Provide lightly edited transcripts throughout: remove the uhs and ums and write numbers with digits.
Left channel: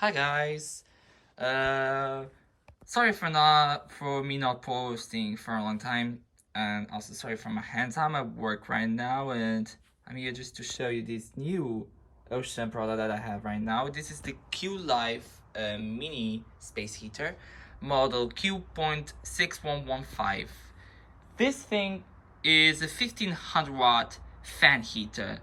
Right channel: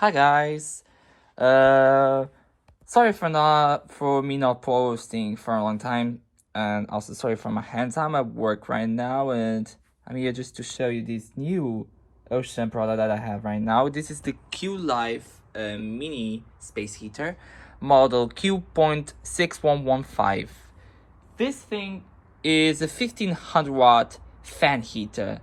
Hi guys. Uh Sorry for me not posting for a long time, and also sorry for my hands. I'm at work right now and I'm here just to show you this new ocean product that I have right now. This is the Qilive mini space heater model Q.6115. This thing is a 1500 watt fan heater.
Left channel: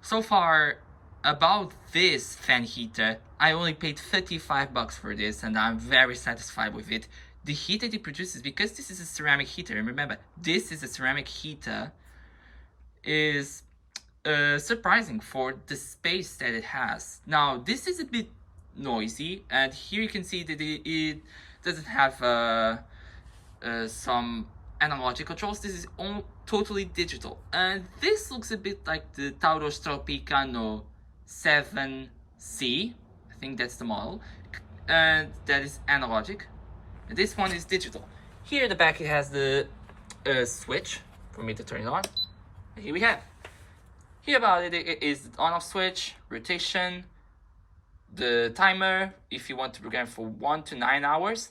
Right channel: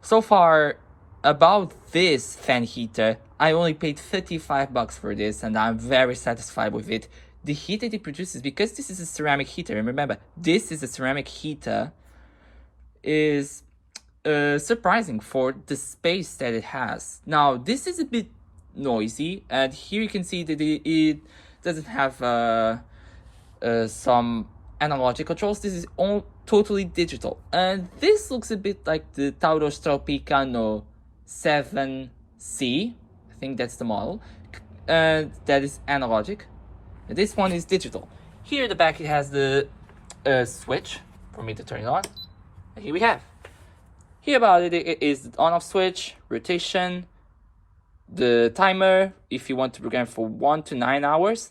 So far, about this fan heater, I only paid $55 for this, and I'm very satisfied with it. The heat that it produces, because this is a ceramic heater, and remember, this is a ceramic heater, is surprising for the space that it has. Now, this is a bit noisy, and here you can see that it doesn't have some analog controls. This is all totally digital, and this looks a bit like the Tauros Tropicano 7C. I think that's the model, and that is analogic. And this one is digital. Here at the back it has the switch for me to turn it on. And here we have. Here about it is the on-off switch, rotation, the timer if you want to program for 1 to 9 hours,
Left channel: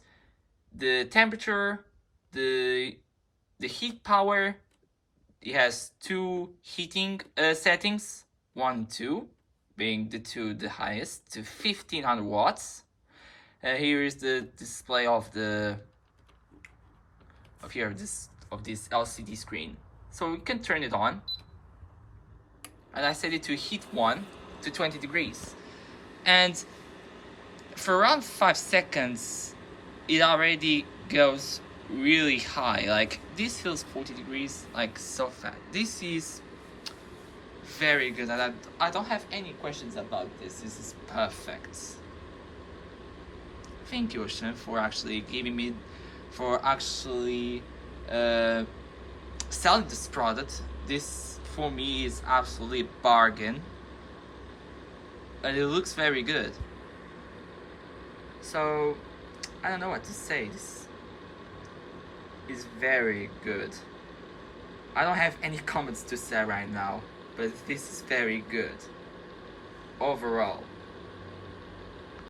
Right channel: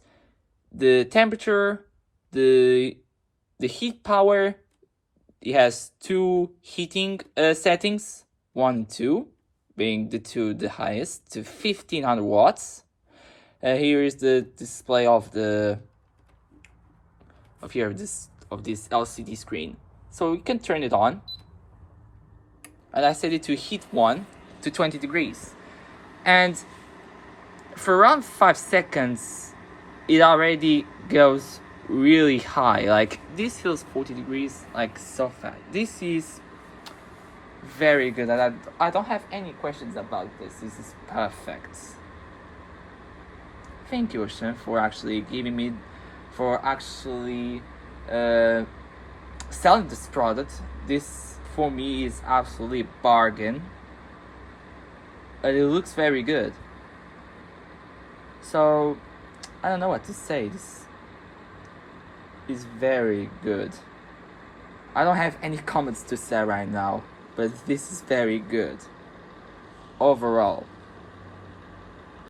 the temperature, the heat power. It has two heating settings, 1 and 2, being the two the highest to 1500 watts. Here is the display of this LCD screen, so you can turn it on. And I set it to heat 1 to 20 degrees, and for around 5 seconds it already goes really high. Like, this feels 40 degrees, like, so fast. This is very good, and I don't have any questions about this. This is perfect. Thank you, Ocean, for actually selling this product. This for me is absolutely a bargain, and it looks very good. So I don't know what to say. This is very good. I don't have any comments to say right now, but this is very good overall.